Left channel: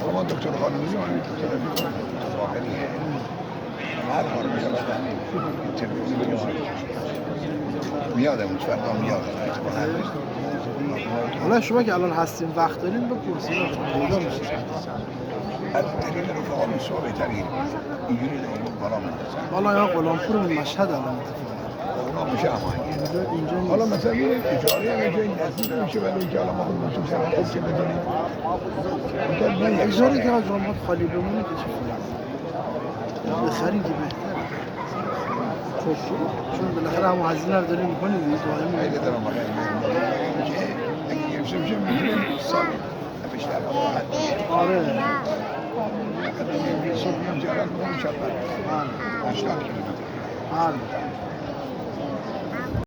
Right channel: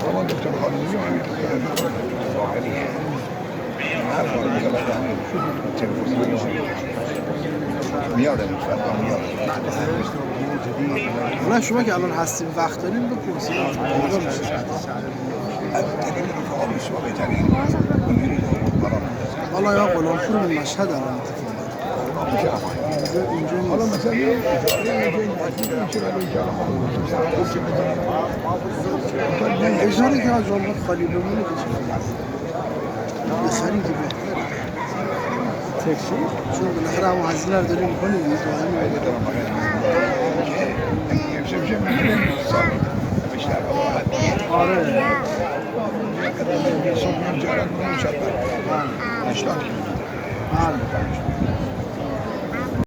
طبعا دكتور خالد يعني دكتور ظاهرية عارف يعني میاد مصطفی میاد الان شما که الان هستیم وقت داریم بپرسید پیدا میشه التلفزيون شو بيترين يريد والله يا غلام شو من مشهد الان اینجا والله مثلا اجاره که از اون خالی بمونه که بخریم که تاکسی چون بالاخره هم هزینه رو داریم میکنیم دیگه آره صبح جارك مو مشبر 80 كيلو بله